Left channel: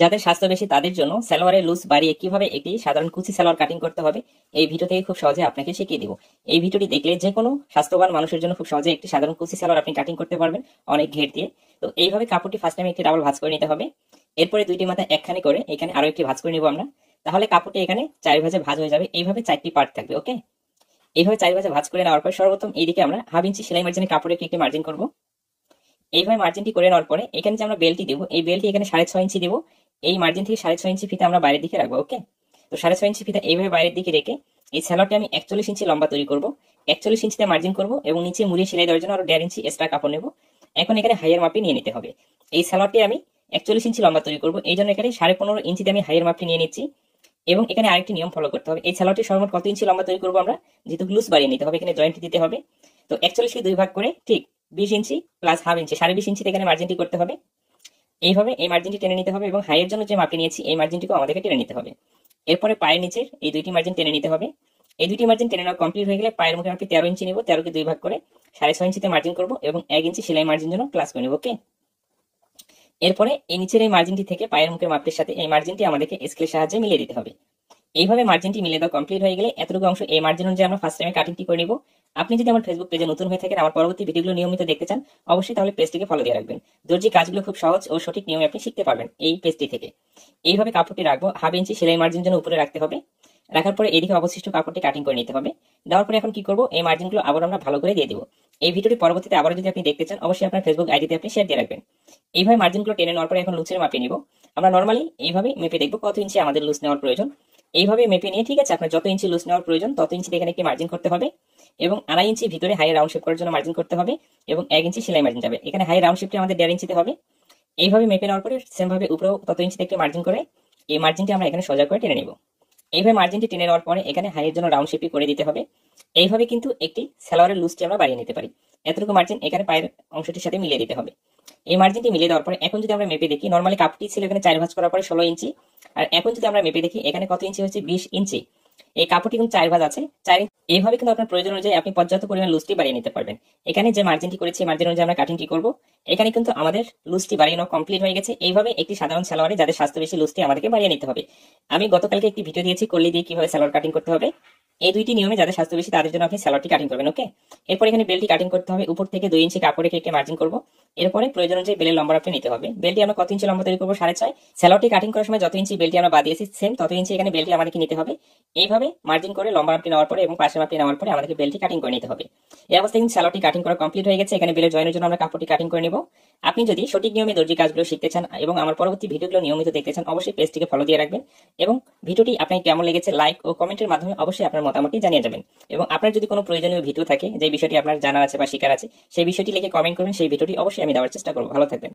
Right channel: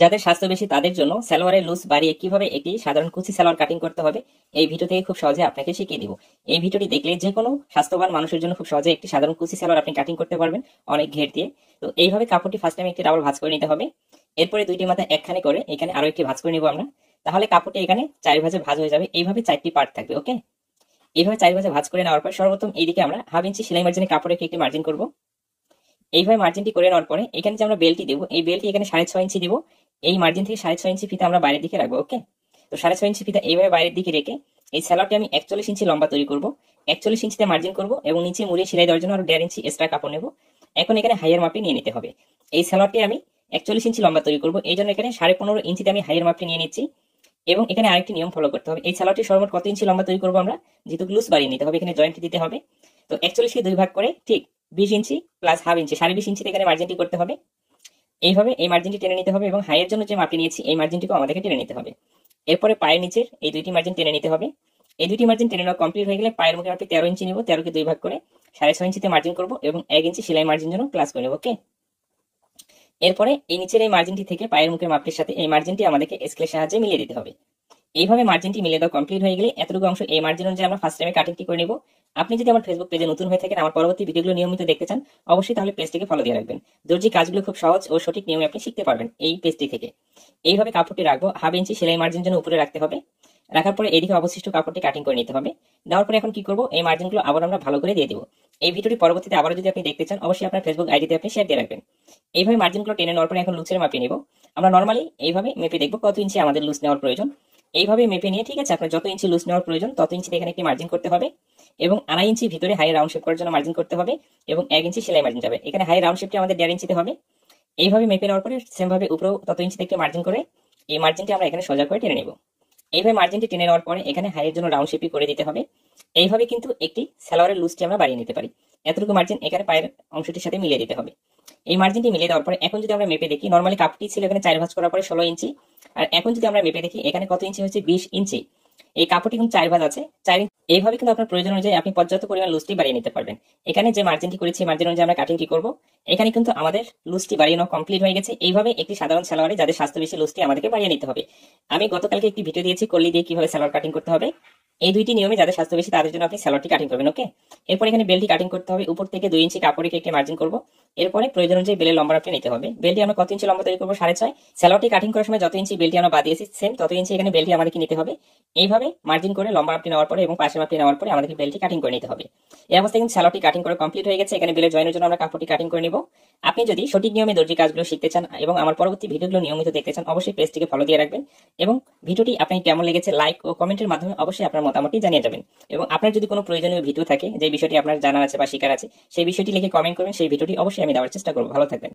যাদের স্বাস্থ্য বেশি তাদের জন্য সালোয়ারের লুজ বাড়িয়ে কিভাবে একটি সাধারণ কুচি সালোয়ার কাটিং করতে হবে এই ভিডিও থেকে খুব সহজে আপনাকে শিখিয়ে দিব। এই ভিডিওটি দেখলে যে কোনো স্বাস্থ্যবান মানুষের জন্য খুব সহজে একটি সাধারণ কুচি সালোয়ার আপনি কাটিং করতে পারবেন অনেক ঘের দিয়ে। তো এইভাবে কাপড়টি ফার্স্ট টাইম একটি ডাবল ভাঁজ করে নিতে হবে। এরপরে দুইটি মাথা একখানে করে এখানে আরো একটি ভাঁজ করে নিব আমরা। তাহলে কাপড়টি এখানে 4 ভাঁজে ভাঁজ হয়ে যাবে। এইভাবে 4টি পার্ট থাকবে। ওকে, এইভাবে 4 ভাঁজে ভাঁজ করে নেওয়ার পর সর্বপ্রথম এইদিকে আমরা হাফ ইঞ্চি সেলাই মার্জিনে কাপড়ে একটি মার্জিন করব। এইভাবে মার্জিনটি করে নেওয়ার পরে এখানে যে আমরা বেলটি দেবো এই বেলটি এখানে 6.5 ইঞ্চি দেবো। এই মার্জিন থেকে 6.5 ইঞ্চি ফিতা আমরা বাইরের দিকে রাখবো। ওকে, তো 6.5 ইঞ্চি ফিতা এইভাবে বাইরের দিকে রেখে এই সালোয়ারটি আমি 41 ইঞ্চি লম্বা তৈরি করব। 41 ইঞ্চিতে মার্জিন করব এবং নিচে মুড়িয়ে সেলাই দেওয়ার জন্য আরো 1.5 ইঞ্চি এক্সট্রা কাপড় নেব। এখন এখানে হাইয়ের মাপে নিয়ে নিতে হবে। এই সালোয়ারটি আমি 41 ইঞ্চি লম্বা তৈরি করব, এই জন্য এখানে 15.5 ইঞ্চিতে আমি হাইয়ের মাপটি নিয়ে নিচ্ছি। এবং এখানে আরেকটি নিয়ম ফলো করতে হবে, এই সালোয়ারটি সর্বমোট কত ইঞ্চি লম্বা তৈরি করবো আমরা, যেহেতু গ্লুস বাড়িয়ে নিতে হবে এখানে জয়েন্ট দিতে হবে। তো 41 কে 2 ভাগ করে ঠিক 20 ইঞ্চি প্লাস হাফ ইঞ্চি 20.5 ইঞ্চিতে এখানে মার্জিনটি করতে হবে। এইভাবে এই মার্জিনটি টেনে নিতে হবে এবং হাইয়ের জন্য যে মাপটি নিয়েছি এই মার্জিনটিকে আমাদেরকে টেনে নিতে হবে। এরপরে পায়ের নিচের এই দুইটি মার্জিন টেনে নিতে হবে। এই দুইটি মার্জিন টেনে নেওয়া কমপ্লিট হয়ে গেলে পায়ের মুখে মাপটি 13 ইঞ্চি নেব। 13 কে 2 ভাগ করে 6.5 ইঞ্চিতে মার্জিন করব এবং 1 ইঞ্চি সেলাই মার্জিন জন্য প্লাস করে নেব। ওকে, এরপরে এই নিচের এই মার্জিনটি থেকে পায়ের মুখের মাপটির সাথে এই মার্জিনটি আমাদেরকে স্কেলের সাহায্যে মিলিয়ে দিতে হবে। এইভাবে মার্জিনটি মিলে দেওয়া কমপ্লিট হয়ে গেলে এতটুকু অংশ এই মার্জিন অনুযায়ী আমরা ফার্স্ট টাইমে কাটিংটি করে নিব। আপনি যদি আমার ফেসবুক পেজে নতুন হয়ে থাকেন, আমার পরবর্তী ভিডিওগুলো নিয়মিত দেখতে চান, অবশ্যই তাহলে পেজটিকে ফলো দিয়ে রাখবেন। দর্জি কাজগুলো খুব সহজ ও সঠিক নিয়মে আপনি শিখতে পারবেন এই পেজটি থেকে। এইভাবে কাপড়টি রাখবো, হাফ ইঞ্চি সেলাই মার্জিন জন্য উপরে রাখতে হবে। রাখার পরে এদিকে অবশিষ্ট কাপড়টি কাটিং করে নিতে হবে। দেওয়ার পরে এখন কি করবো, এই মার্জিনগুলো আবার আমরা ভালো করে দিয়ে দিব। এই ভিডিওটি পরবর্তীতে আবার যদি আপনি দেখতে চান, অবশ্যই আপনার ফেসবুক আইডিতে আপনি শেয়ার দিয়ে রাখবেন। এইভাবে মার্জিনগুলো টেনে নেওয়ার পরে এখন লুচের মাপে নিব। আমরা নর্মালি এইভাবে মেপে দেখবো কত ইঞ্চি আমাদের লুজ নেওয়ার প্রয়োজন। এইভাবে মেপে নিয়ে, ঠিক আছে, আপনার যত ইঞ্চি লুজ নেওয়ার প্রয়োজন তত ইঞ্চি এখানে একটি মার্জিন করতে হবে এবং 1.5 ইঞ্চি ভিতরে হাই রাউন্ড শেপ করার জন্য মার্জিন করতে হবে এবং 1 ইঞ্চি সেলাই মার্জিন যাবে। এখানে হাই রাউন্ড শেপটি আমাদের 1.5 ইঞ্চিতে হবে। এইভাবে মেপে নেওয়ার পরে সেম ভাবে উপরেও তত ইঞ্চিতে একটি মার্জিন করে এই মার্জিনটি আমরা এখানে সোজা করে টেনে নেব। এইভাবে মার্জিনটি টেনে নেওয়ার পরে এখানে হাইয়ের জন্য রাউন্ড শেপই করে দিতে হবে। এইভাবে কিন্তু একটি সালোয়ারের লুজটি আমরা বাড়িয়ে নিতে পারি। এতটুকু মার্জিন এখানে পায়ের অংশটির সাথে মিলিয়ে দিতে হবে। এই মার্জিনটি মিলিয়ে দেওয়ার পরে এখন যদি আমরা মেপে দেখি, নর্মালি কাপটি ছিল এখানে 4 ভাঁজ করার পরে 16 ইঞ্চি, আর এখন যদি আমরা মেপে দেখি এখানে কত ইঞ্চি হচ্ছে 20 ইঞ্চি। এই কাপড়টি কিন্তু 4 ভাঁজ আছে, 4 ইঞ্চি। এইভাবে কিন্তু আপনার প্রয়োজন অনুযায়ী আপনি পর্যাপ্ত পরিমাণ লুজটি বাড়িয়ে নিতে পারবেন। এখানে যে মার্জিনটি করেছি মার্জিন অনুযায়ী আমরা কাটিংটি করব। এখানে কিন্তু আমাদের লুজটি বাড়িয়ে নেওয়া কমপ্লিট হয়ে গেছে। এইভাবে একটি সাধারণ সালোয়ারে যাদের স্বাস্থ্য বেশি লুজটি আমাদেরকে বাড়িয়ে নিতে হবে। আমি গতকালকে একটি ভিডিও দিয়েছি কলি দিয়ে কিভাবে সালোয়ার কাটিং করতে হবে। এই দুইটি নিয়মে যাদের স্বাস্থ্য বেশি তাদের জন্য আপনি সালোয়ারটি কাটিং করবেন। ওকে, এরপর এখানে বেলটি কাটিং করতে হবে। উপর থেকে 2 ইঞ্চি কাপড় রেখে একটি মার্জিন করব। এরপরে প্রয়োজন অনুযায়ী বেলের লম্বা আপনি নিতে হবে। বেলটি আমরা কত ইঞ্চি লম্বা তৈরি করবো, 6.5। সালোয়ারটি কাটিং করার সময় যত ইঞ্চি বেলটি আমরা বাদিয়েছি সেম তত ইঞ্চি এখানে বেলটি আমাদেরকে নিতে হবে। এইভাবে মার্জিন করে লম্বা মাপটি নেওয়ার পরে এবং পাশের মাপটি নেওয়ার পরে আমাদেরকে বেলটি কাটিং করে নিতে হবে। এই অবস্থায় কিন্তু সালোয়ারটি কাটিং করা কমপ্লিট হয়ে গেছে। এখানে বেলের জয়েনের জন্য আমরা কাপড়টি কাটিং করে নেব। আপনি যদি সঠিক নিয়মে দর্জি কাজগুলো শিখতে চান এবং আমার পরবর্তী ভিডিওগুলো নিয়মিত দেখতে চান, অবশ্যই পেজটিকে ফলো দিয়ে রাখবেন এবং ভিডিওটি আপনার কেমন লেগেছে লাইক ও কমেন্টের মাধ্যমে অবশ্যই আপনার মতামতটি জানিয়ে যাবেন। এবং আপনার যদি কোনো প্রয়োজনীয় ভিডিও থাকে যে বিষয়টি আপনার জানা আছে বা শেখার আছে, সেই বিষয়টি লিখে কমেন্ট করবেন, সেই ভিডিওটি অবশ্যই আমি দেওয়ার চেষ্টা করবো। ভালো থাকবেন।